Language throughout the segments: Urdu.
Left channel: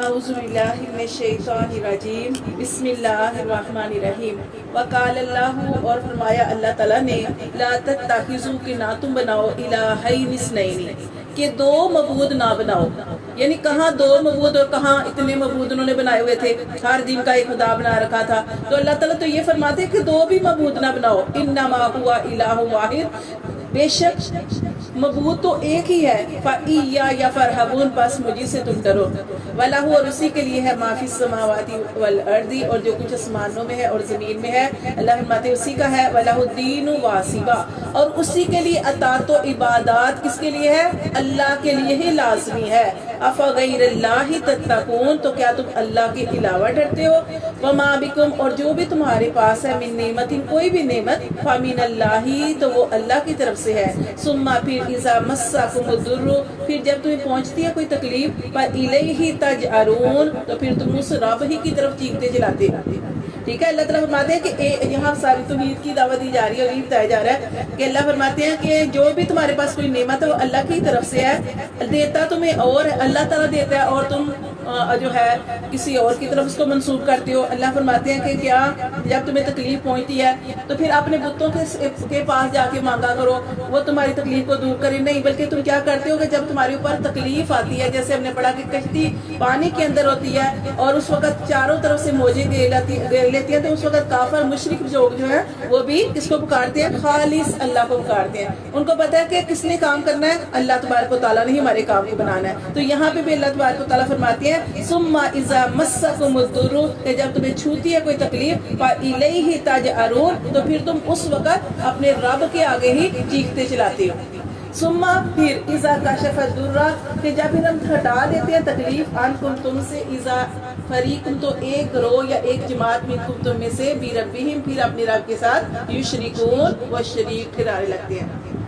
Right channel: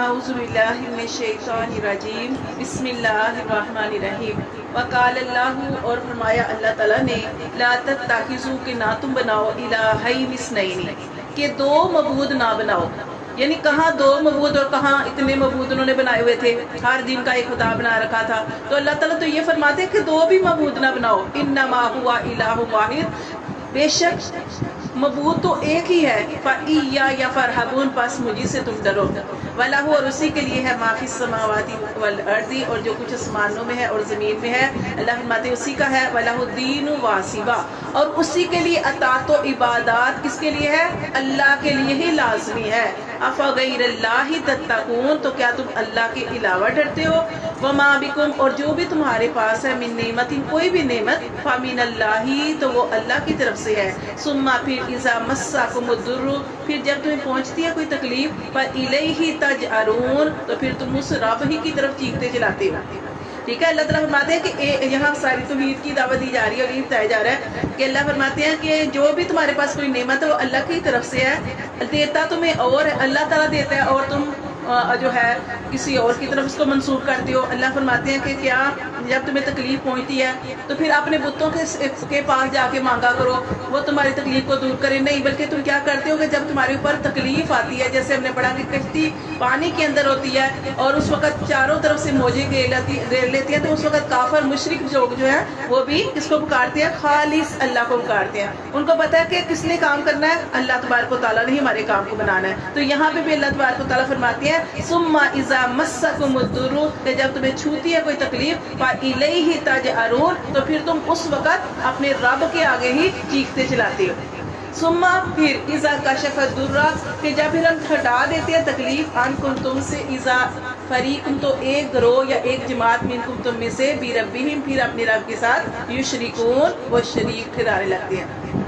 اعوذ باللہ من الشیطان الرجیم بسم اللہ الرحمن الرحیم وقال اللہ، اور فرمایا اللہ تعالیٰ نے، لا تتخذوا، کہ نہ تم بناؤ، الہین اثنین، کہ دو معبود نہ بناؤ. یعنی کہاں دو معبود اور کہاں اتنے معبود انہوں نے بنائے ہوئے تھے، ہر دین کا ایک خدا بنا رکھا تھا. تو اللہ تعالیٰ تو یہ فرماتے ہیں کہ دو بھی معبود نہ بناؤ. انما هو الہ واحد، بے شک معبود تو ایک ہی ہے. فَإِيَّايَ فَارْهَبُونَ، پس مجھے سے تم ڈرو. وَلَهُ، اور اسی کے لیے ہے، مَا فِي السَّمَاوَاتِ وَالْأَرْضِ، اور جو کچھ آسمانوں میں ہے اور زمین میں ہے. اللہ فرماتے ہیں اسی کا ہے. وَلَهُ الدِّينُ وَاسِبًا، اور اسی کے لیے اطاعت و عبادات کس کے لیے ہے؟ اللہ کے لیے ہی لازمی ہے. أَفَغَيْرَ اللَّهِ تَتَّقُونَ، تو کیا تم اللہ کے علاوہ ڈرتے ہو؟ وَمَا بِكُمْ، اور جو بھی تمہارے پاس ہے، مِن نِعْمَةٍ، کوئی بھی نعمت، فَمِنَ اللَّهِ، تو وہ اللہ کی طرف سے ہے. ثُمَّ، پھر، إِذَا مَسَّكُمُ الضُّرُّ، پھر جب تمہیں پہنچتی ہے کوئی تکلیف، فَإِلَيْهِ تَجْأَرُونَ، تو پھر تم اس رب ہی کی طرف چیختے چلاتے ہو. ٹھیک ہے. اللہ تعالیٰ فرماتے ہیں کہ یہاں ساری توحید کی دعوت دی جا رہی ہے اور یہ بتایا جا رہا ہے کہ اللہ فرماتے ہیں کہ جو بھی تمہارے پاس کوئی نعمت ہے وہ اللہ کی طرف سے ہے. دیتا تمہیں اور ہے، اللہ تعالیٰ دیتا ہے، اور تم جو ہے کسی اور کی طرف اس کو منسوخ کرتے ہو. اللہ فرماتے ہیں کہ کیا جب تمہیں تکلیف پہنچتی ہے تو پھر اپنے بتوں کے پاس جا کے مانگا کرو، وہ تمہاری تکلیف کو دور کرے. نہیں، بلکہ تم کیا کرتے ہو کہ جب تمہارے اوپر تکلیف آتی ہے، جیسے ہم نے پڑھا کہ کشتی پانی کے اندر ہوتی ہے اور اس وقت چاروں طرف سے موجیں گھیر لیتی ہیں، تو اس وقت کافر مشرک لوگ جو ہیں وہ بھی کس کو پکارتے ہیں؟ خالص اللہ کو پکارتے ہیں. ان کو پتہ ہے کہ کس نے کام کرنا ہے؟ اللہ تبارک و تعالیٰ نے ہی ہمارے کام کو بنانا ہے. تو یہاں پہ بھی اللہ تبارک و تعالیٰ فرماتے ہیں ثم اذا مسکم الضر، کہ جب تمہیں چھوتی ہے کوئی تکلیف، فالیہ تجأرون، تو پھر تم اس وقت اپنے رب کے آگے ہی چیختے چلاتے ہو. ثم، پھر، اذا کشف الضر، کہ جب پھر ہم ہٹا دیتے ہیں تکلیف، عنکم، تم سے، اذا فریقم، تو ایک گروہ یا ایک جماعت، منکم، تم میں سے، بربہم، پھر اپنے رب کے ساتھ، یشرکون، وہ شریک ٹھہرانے لگتے ہیں.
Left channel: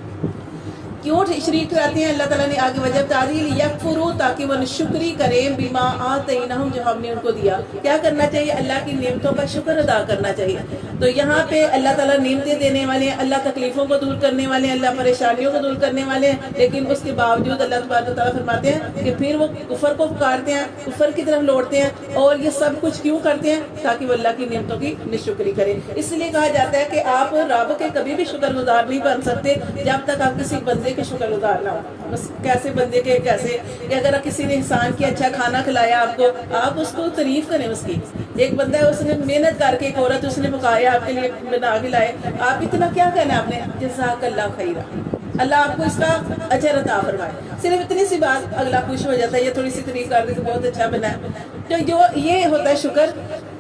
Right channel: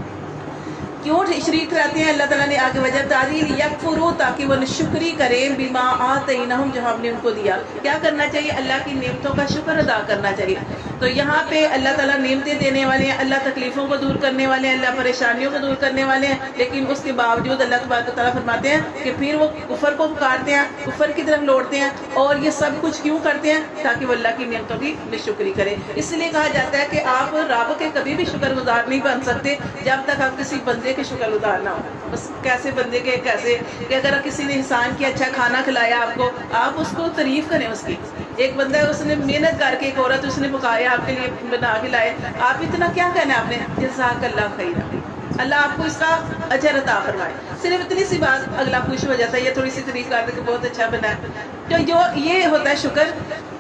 کیوں شریک ٹھہراتے ہیں؟ اللہ تعالیٰ نے آگے وجہ تعریل، یکفروا، تاکہ وہ ناشکری کریں، بما آتیناہم، جو ہم نے ان کو دیا. کیا کرنا چاہیے؟ اللہ کی نعمتوں کا شکر ادا کرنا چاہیے. تو یہاں پہ اللہ تعالیٰ نعمتیں دینے والے ہیں، اللہ تکلیفوں کو دور کرنے والے ہیں، اللہ پریشانیوں کو دور کرنے والے ہیں، لیکن اس کے باوجود اللہ تبارک و تعالیٰ فرماتے ہیں کہ پھر وہ کفر کو پکارتے ہیں، کفر کی طرف لوٹتے ہیں. اور یہ سب کچھ کیوں کرتے ہیں؟ تاکہ وہ اللہ کی نعمتوں کی ناشکری کرے. اس لیے کہا جاتا ہے کہ آپ رب کے کبھی بھی شکر گزار نہیں بن سکتے جب تک آپ کسی بندے کے شکر گزار نہ ہو. بس کیسے بندے کے؟ کیسے کہ اگر کسی نے احسان کیا، اچھا کھانا کھلایا آپ کو، آپ اس کو تعریف کریں اس کی. ایک بندہ ہے، اس نے محنت کر کے، ایک عورت اس نے پکایا، آپ کے لیے بنا کے لائے، آپ اتنا کیا کہنا ہے آپ نے؟ جزاک اللہ خیرا، اللہ آپ کو اس کا اجر عطا فرمائے. صرف اتنی سی بات اگلا خوش ہو جاتا ہے، یہ تھوڑی سی تعریف کر دے کہ بہت اچھا بنا ہے. تو جو یہ ہوتا ہے شکر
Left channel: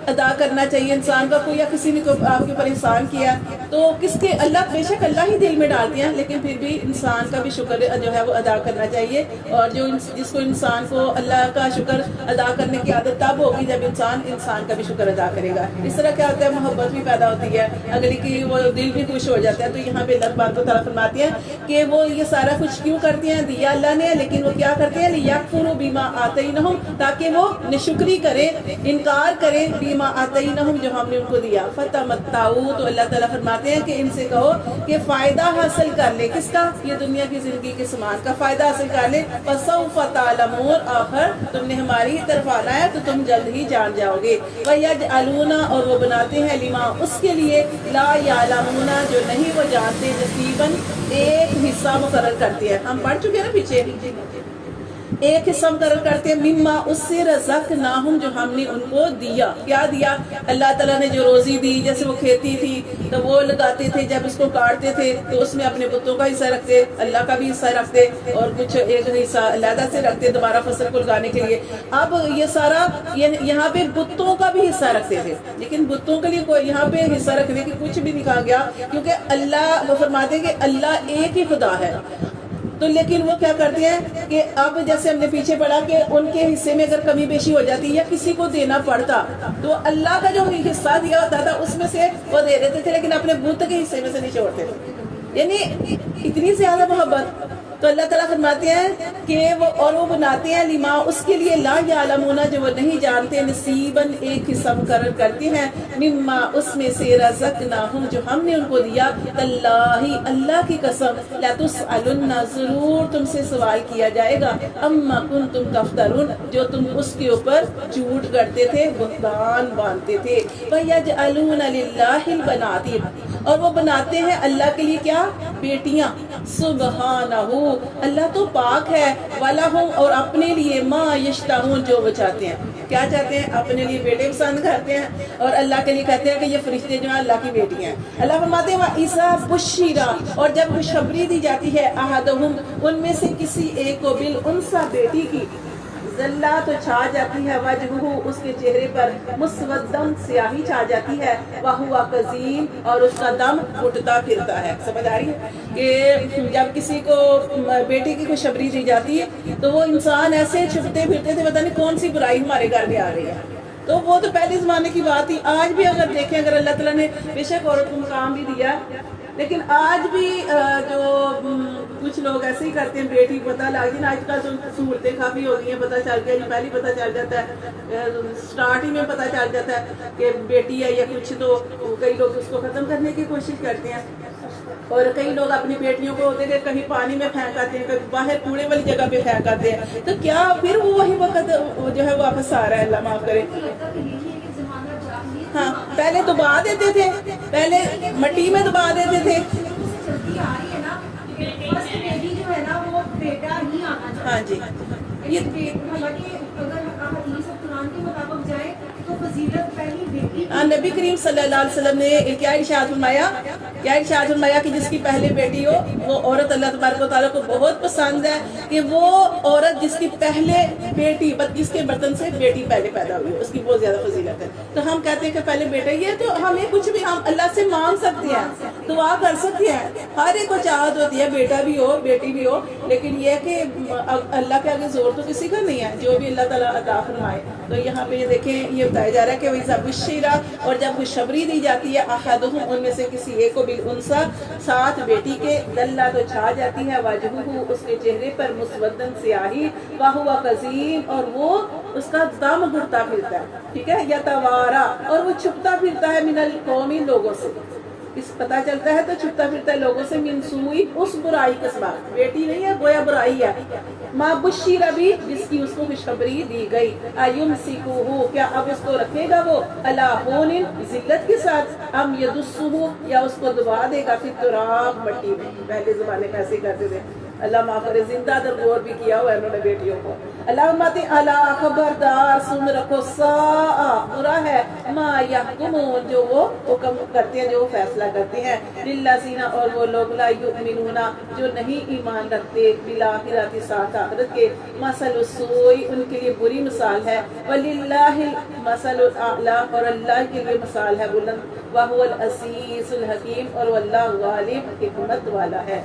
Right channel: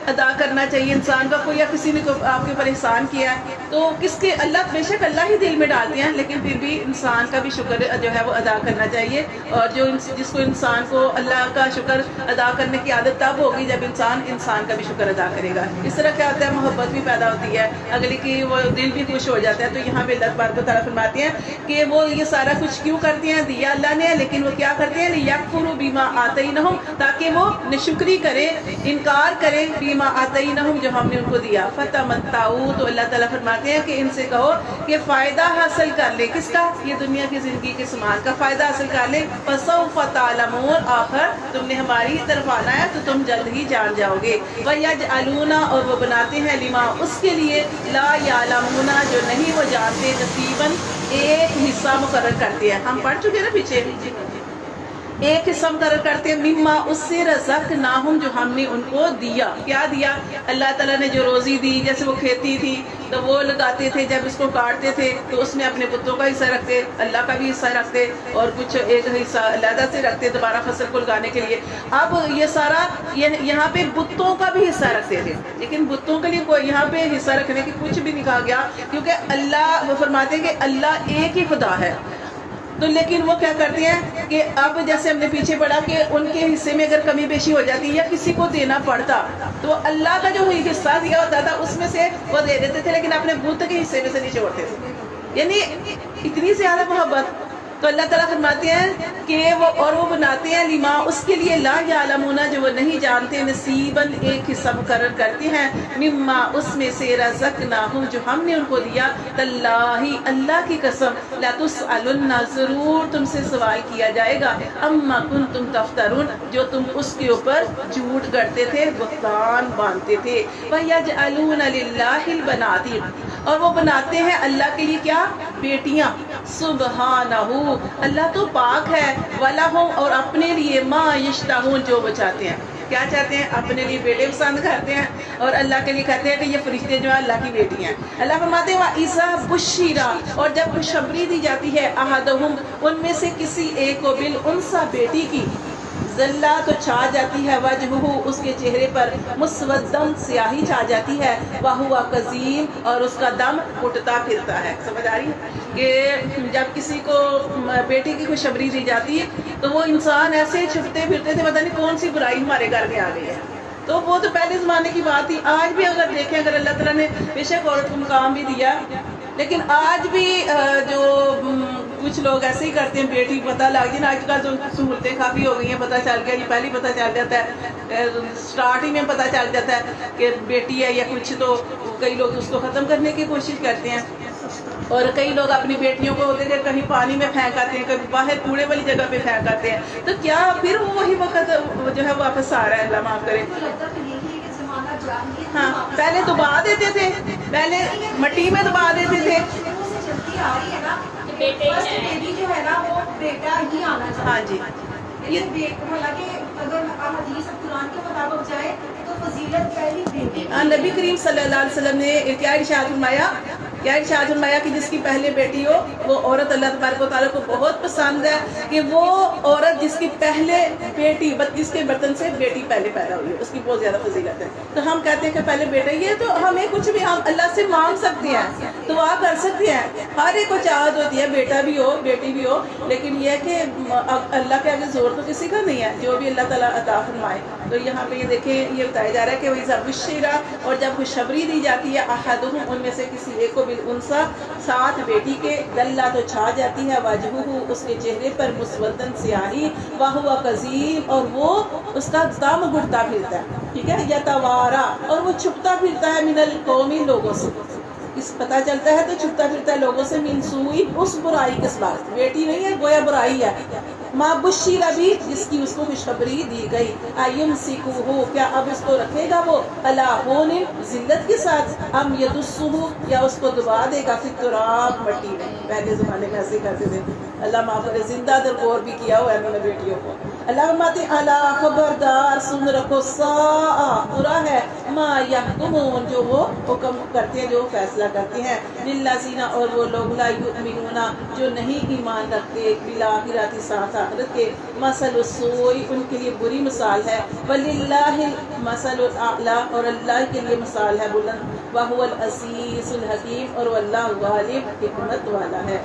ادا کرنا چاہیے انسان کا. کوئی یا کسی نے آپ کے اوپر احسان کیا ہے تو کس کے؟ اللہ، بے شک اللہ ہی دل میں ڈالتے ہیں، لیکن پھر بھی انسان کا بھی شکر جو ہے وہ ادا کرنا چاہیے. اور جو جس کو انسان کو اللہ کا شکر ادا کرنے کی عادت تب ہوگی جب انسان کا بھی شکر ادا کرے گا. اس طرح کیا ہوتا ہے؟ محبت بھی پیدا ہوتی ہے اگلی کی، وہ دل بھی خوش ہو جاتا ہے. تو یہاں پہ اللہ تبارک و تعالیٰ فرماتے ہیں کہ وہ یہ سارا کچھ کیوں کرتے ہیں؟ دیا اللہ نے، لیکن وہ کیا کرتے ہیں؟ لیکفروا بما آتیناہم، تاکہ وہ ناشکری کریں، انکار کریں، بما آتیناہم، جو ہم نے ان کو دیا. فتمتعوا، تو اللہ تعالیٰ فرماتے ہیں کہ ان سے کہو کہ فائدہ حاصل کر لے. کس کا؟ یہ دنیا کی زندگی کے سامان کا فائدہ حاصل کر لے. فسوف تعلمون، آخر تم نے ہماری ہی طرف آنا ہے تو تم جلد ہی جان جاؤ گے. وَيَجْعَلُونَ، اور وہ بناتے ہیں، لما، اس کے لیے، لا یعلمون، جو نہیں وہ جانتے، نصیباً، ایک حصہ مقرر کرتے ہیں. ہم پڑھ چکے نا پیچھے، ایک حصہ مقرر کرتے ہیں، مما، اس سے، رزقناہم، جو ہم نے ان کو دیا. کیا دیا؟ اللہ تعالیٰ نے جو روزی دی. جیسے وہ کھیتی تھی تو وہ لگاتے تھے، جب اس کو کاٹتے تھے تو اس میں اپنے بتوں کا حصہ رکھتے، اللہ کا بھی حصہ رکھتے، اور کچھ ایک حصہ علیحدہ سے رکھتے دوبارہ فصل کو لگانے کے لیے. اب یہ سارا یہاں پہ بتوں کا بھی حصہ رکھتے تھے، لیکن بتوں کے لیے کوئی یہاں پہ حصہ رکھنے کی کچھ بھی نہیں کہا گیا، کیونکہ اللہ، وہ فرماتے ہیں کہ اللہ ایک ہی خدا ہے. تو لیکن وہ کیا کرتے ہیں کہ اب جیسے ہم نے پیچھے پڑھا کہ ان کے حصے میں اگر کمی بیشی ہو جاتی یا کسی کو دینا پڑتا تو اللہ کا جو حصہ دیا ہوتا تھا اس میں سے وہ دے دیتے تھے، لیکن اپنے بت کے حصے میں سے نہیں چھوڑتے تھے. یعنی اتنی زیادہ محبت. تو اللہ تعالیٰ فرماتے ہیں کہ وہ بناتے ہیں لما اس کے لیے لا یعلمون جو وہ نہیں جانتے نصیباً ایک حصہ مقرر کرتے ہیں مما اس میں سے رزقناہم جو ہم نے ان کو دیا تاللہ اللہ کی قسم لتسألن ضرور تم سے سوال کیا جائے گا اما کنتم تفترون جو تم اس کے اوپر جھوٹ گڑتے تھے بہتان باندھتے تھے وَيَجْعَلُونَ لِلَّهِ الْبَنَاتِ اور وہ بناتے ہیں اللہ کے لیے کیا بیٹیاں سبحانہ اللہ تو پاک ہے وَلَهُمْ اور اپنے لیے ما یشتہون جو وہ چاہتے ہیں کیا چاہتے ہیں اپنے لیے بیٹے پسند کرتے ہیں اور اللہ کے لیے کہتے ہیں کہ یہ فرشتے جو ہیں اللہ کی بیٹی ہیں اللہ فرماتے ہیں وَإِذَا بُشِّرَ اور جب خوشخبری دی جاتی ہے أَحَدُهُمْ ان میں سے کسی ایک کو بالأنثى بیٹی کی ذلہ تو چھا جاتی ہے وجہہ اس کے چہرے پر مسودن سیاہی چھا جاتی ہے وہو کظیم اور اس کا دم گھٹتا پھرتا ہے سمجھ آ رہی ہے کہ جب کسی کو بیٹی کی خوشخبری دی جاتی ہے تو وہ انسان ایسے چھپتے پھرتے تھے پتہ نہیں کون سی برائی ہمارے گھر میں آ گئی ہے تو وہ تو پہلے زمانے کی بات تھی آج بھی اگر دیکھیں اگر اللہ تعالیٰ نے بے شک عورت کو مقام بھی دیا لیکن آج بھی جو کچھ لوگ ایسے ہی کرتے ہیں بیٹی پتہ لگ جائے آج کل تو سہولتیں کافی ہو گئی ہیں پتہ چل گیا پہلے پتہ چل جاتا ہے سٹارٹنگ میں پتہ چل جاتا ہے کہ بیٹی ہے یا کچھ تو کئی لوگ اس کو ختم کرنے کی کوشش کرتے ہیں اور کئی لوگ اپنی بیٹیوں کو ہوتے تھے کہیں پانی میں پھینک آتے ہیں کہیں باہر کوڑے والی جگہ پہ پھینک آتے ہیں تو کیا پھر وہی وقت جو ہے واپس آ رہا ہے اللہ معاف کرے ہاں پہلے دبا دیتے تھے پہلے مٹی میں دبا دیتے تھے ہاں جی نبی کریم صلی اللہ علیہ وسلم نے کیا ارشاد فرمایا کہ جس کی پہلے بیٹی ہو وہ عورت اللہ تبارک و تعالیٰ کو بہت پسند ہے کہ وہ عورت جس کی پہلے بیٹی جس کے برتن سے بیٹی پہلے پیدا ہوئی ہے اس کی بہت زیادہ فضیلت ہے تو ہم کہتے ہیں کہ پہلے بیٹا یہ تو ہمیں کچھ بھی ہم اللہ سے مانگ سکتے ہیں دعا کر سکتے ہیں ہر ایک کو چاہت ہوتی ہے بیٹا بھی ہو بیٹی بھی ہو لیکن یہ کہ اللہ کے آگے زور تو کسی کا نہیں ہے جو بھی اللہ تعالیٰ عطا فرمائے تو یہاں پہ یہ دیکھیں یہ بتایا جا رہا ہے کہ وَإِذَا بُشِّرَ اور جب خوشخبری دی جاتی ہے أَحَدُهُمْ ان میں سے کسی ایک کو بالأنثى ساتھ بیٹی کے ذلہ تو چھا جاتی ہے وجہہ اس کے چہرے پر مسودن سیاہی وَهُوَ كَظِيمٌ اور وہ اس کا دم گھٹتا پھرتا ہے ٹھیک ہے یتوارا اور وہ چھپتا پھرتا ہے من القوم لوگوں سے اس پتہ چلتا ہے تو چھپتا پھرتا ہے لوگوں سے من سوئی اس برائی کے سبب بیٹی نہیں ہے گویا برائی ہے ما بشیر بھی جس کی اس کو خوشخبری دی گئی ایمسکوہ کیا اب اس کو رکھے گا وہ علی ہون ذلت کے ساتھ ام یدسہ یا اس کو دبا دے گا فی التراب مٹی میں پہلے زمانے میں ایسے کرتے تھے اللہ معاف کرے زندہ درگور بھی کیا ہوا ہے انہوں نے بیٹیوں کو اللہ فرماتے الا خبردار سن رکھو ساء برا ہے ما یحکمون جو وہ حکم کرتے ہیں جو وہ فیصلہ کرتے ہیں للذین اور وہ لوگ لا یؤمنون جو نہیں ایمان رکھتے بالآخرۃ ساتھ آخرت کے مثل السوء ان کے لیے بری مثال ہے وللہ المثل الاعلی اور اللہ کے لیے مثال ہے بلند وهو العزیز الحکیم اور وہ اللہ غالب حکمت والا ہے